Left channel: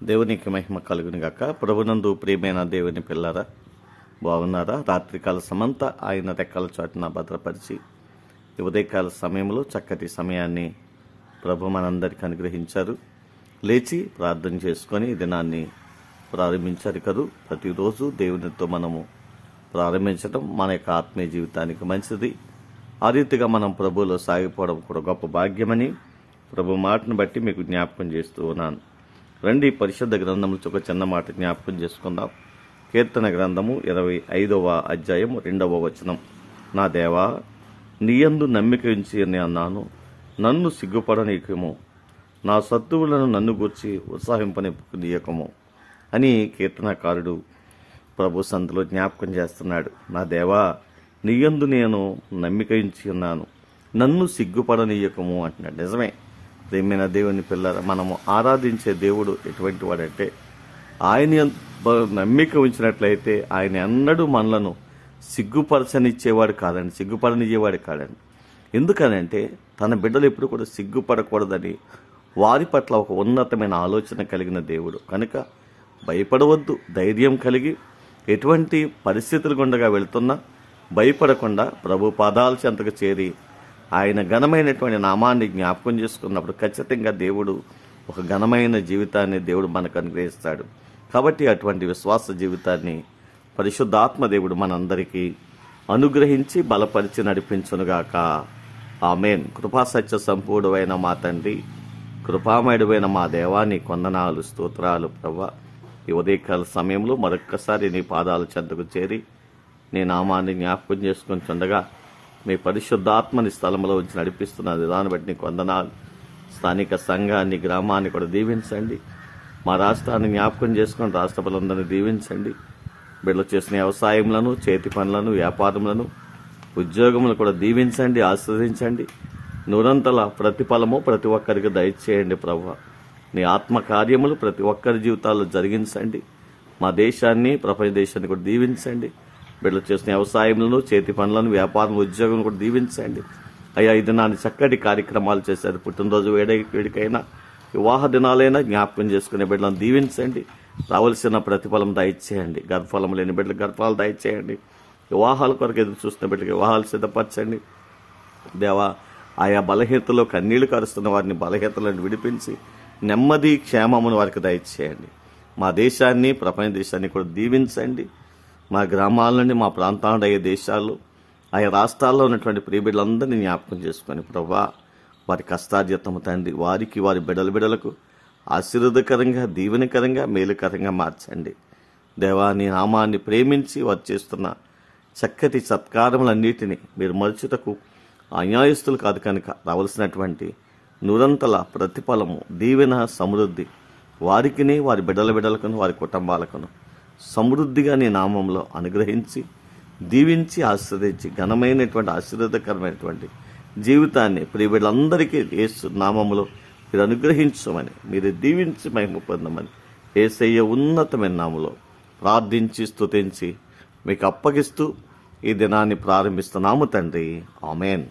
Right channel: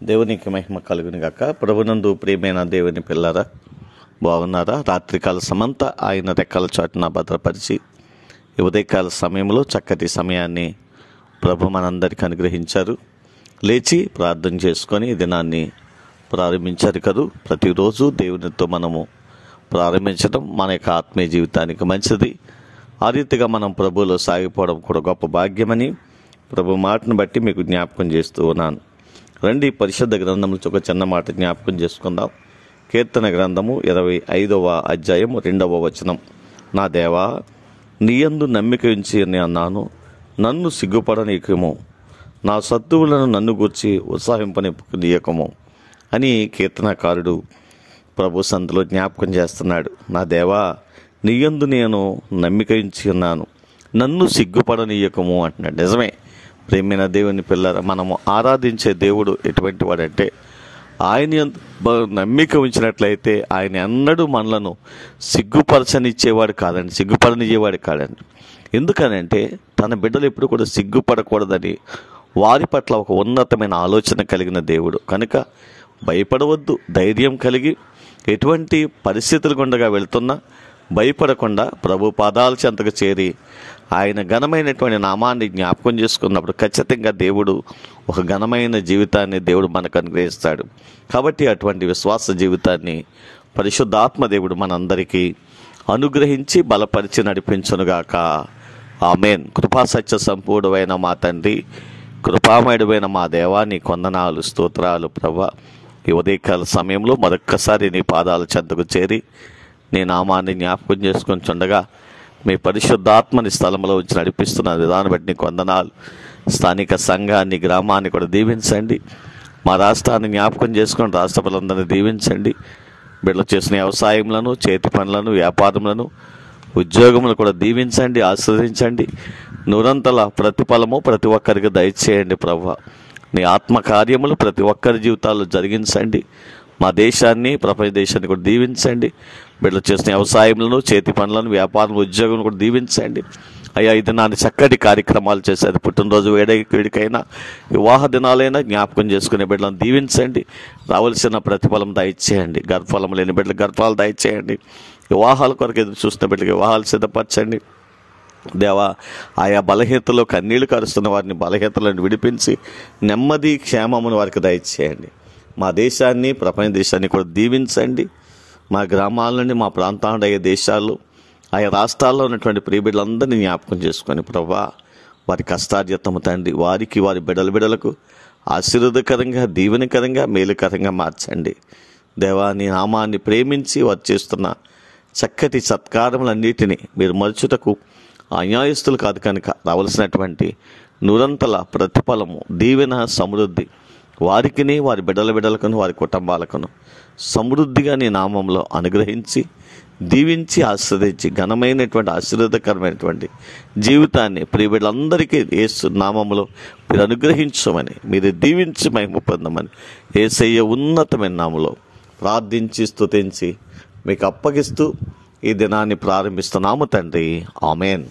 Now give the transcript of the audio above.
దేవునికి మహిమ కలుగును గాక. ప్రభునందు ప్రియమైన దేవుని పిల్లరా, బాగున్నారా? రాత్రికాల సమంతా ఆయన రెక్కల చాటున భద్రపరిచి ఉదయకాల సమయంలో చక్కటి సమయాన్ని ప్రభు మనందరికీ అనుగ్రహించారు. లేచి ప్రార్థన చేసుకొని ఈ దినాన్ని ప్రారంభించారు కదూ. ప్రతిరోజు దేవునితో మనము ప్రారంభించడం మన యొక్క ఆత్మీయ జీవితానికి మంచిది. ఆ రీతిగా మనం ప్రభువులో సాగిపోవడం కూడా గొప్ప భాగ్యమని ప్రభు మాటను బట్టి మీకు జ్ఞాపకం చేస్తూ ఉన్నాను. రండి, పరిశుద్ధ గ్రంథంలో ఒక చిన్న మాట జ్ఞాపకం చేసుకుందాం. కీర్తన గ్రంథము 25వ అధ్యాయం 2వ వచనం. నా దేవా, నీయందు నమ్మిక ఉంచి అన్నాను, నన్ను సిగ్గుపడనీయకము, నా శత్రువులను నన్ను గూర్చి ఉత్సాహింపనీయకము అని కీర్తనకారుడు ప్రభు సంతలో జ్ఞాపకం చేస్తున్నాడు. నా దేవా, నీయందు నేను నమ్మిక ఉంచి ఉన్నాను, నన్ను సిగ్గుపడనీయకము అంటున్నాడు. నిజమే ప్రేమైన దేవుని పిల్లరా, మనము ఆరాధించే దేవుడు ఎటువంటి వాడంటే, ఆయన నమ్మిక ఉంచినట్లయితే ఆయన ఎన్నడూ మనలను సిగ్గుపరచనిచ్చేవాడు కాదండి, సిగ్గుపడనిచ్చేవాడు కాదండి. ఎందుకనంటే తన బిడ్డలు ఎప్పుడు కూడా సిగ్గుపడకూడదని వారి పట్ల ఒక ఉన్నతమైన ఆలోచన కలిగిన దేవుడు. కనుక భయపడవద్దు, ధైర్యం కలిగి ఎటువంటి పరిస్థితులు గుండగా వెళ్తున్నా భయపడకుండా ప్రభు పాదాల చెంతకు చేరి ఆయన ఘనమైనటువంటి నామాన్ని జ్ఞాపకం చేసుకున్నప్పుడు ఖచ్చితంగా దేవుడు ఒక ఘనమైన జీవితాన్ని దేవుడు మనకు అనుగ్రహిస్తాడు. కాబట్టి అటువంటి విశ్వాస జీవితాన్ని పరిశుద్ధాత్మ దేవుడు మనందరికీ అనుగ్రహించి బలపరిచి నడిపించునుగాక. ఆమేన్. కృపాసత్య సంపూర్ణమైన మా తండ్రి, కృపామయుడమైన మా దేవా, నీ కొందనాలు, స్తోత్రాలు ప్రభా. ఈ ఉదయకాల సమయంలో మరొక్కసారి నీ పాదాల చెంతకు చేరి నీ నామాన్ని జ్ఞాపకం చేసుకొని చుండగా మీ పరిశుద్ధాత్మని స్థలంలో ఉంచి నడిపిస్తున్న విధానం బట్టి నీకు వందనాలు. స్థానిక సంఘాన్ని, గ్రామాన్ని కూడా దీవించండి. మా రాష్ట్రాన్ని జ్ఞాపకం చేసుకొని రాష్ట్ర ప్రజలందరినీ దీవించండి. బిడ్డలు చేసిన వ్యవసాయములను, చేతి పనులను, వ్యాపారములను, ఉద్యోగములు కూడా దీవించండి, ఆస్వాదించండి. నూరంతల ప్రతిఫలము ప్రతి ఒక్కరికి దయచేయండి ప్రభువా. నీ ఆత్మకార్యములు ప్రతి ఒక్కరి జీవితాల్లో జరిగించండి. మా దేశాన్ని, ప్రపంచ దేశాన్ని కూడా దీవించండి. బిడ్డలు చేసిన వ్యవసాయములను, చేతి పనులను, వ్యాపారం, ఉద్యోగం కూడా దీవించండి. అయ్యా, ఈ దినాన్ని చక్కటి కార్యక్రమాలు చేశారు. పుట్టినరోజు వేడికైనా, వివాహ దినాలైనా జ్ఞాపకం చేసుకునే బిడ్డలను దీవించండి. రావాల్సిన ప్రతిఫలం దయచేయండి. గర్భఫలం లేని బిడ్డలు గర్భాలు దయచేయండి. వివాహాల కొరకు ఎదురు చూస్తున్న బిడ్డలకు వివాహాలు సిద్ధపరచండి. దేవా, ఆయా బలహీనతలో కన్నీళ్లు కరుస్తున్న వారిని బలహీనతలను విడిపించి నెమ్మది, క్షేమమును వారికి దయచేయండి. మా దేశాన్ని, ప్రపంచ దేశాన్ని కూడా దీవించండి. మా గ్రామాల నుండి, మా ప్రాంతాల అయ్యే దేశాల్లో, ఆయా రాష్ట్రాల్లో ఉన్నటువంటి ప్రియబిడ్డలందరినీ జ్ఞాపకం చేసుకొని ప్రభా, వారి కష్టార్జితము తండ్రి వారికి, వారి బిడ్డలకు ఆశీర్వాదకరంగా, దీవెనకరంగా, మేలుకరంగా మార్చండి. దేవా, నీ నామాన్ని ప్రేమించి వారు చేస్తున్న చక్కటి సత్కారములన్నిటినీ మీరు మరుచుటకు అన్యాయస్తులు కాదు కనుక రావలసినటువంటి నూరంతల ప్రతిఫలము, దీవెన, సమృద్ధి వారికిని, వారి బిడ్డలకును, వారి కుటుంబాలకును సమృద్ధిగా నీ నామంలో అనుగ్రహించి, దీవించి, ఆశీర్వదించి ఘనమైనటువంటి ఆశీర్వాదకరమైనటువంటి జీవితాన్ని ప్రియ బిడ్డలందరికీ యేసు నామంలో మీరు అనుగ్రహించమని, మీరు దీవించి మహిమ పొందమని యేసయ్య ఉన్నతమైన నామంలో ప్రార్థించి, స్తుతించి మీకు అప్పగిస్తూ ఈ దినాన్ని ప్రారంభిస్తున్నాము తండ్రి. ఆమేన్.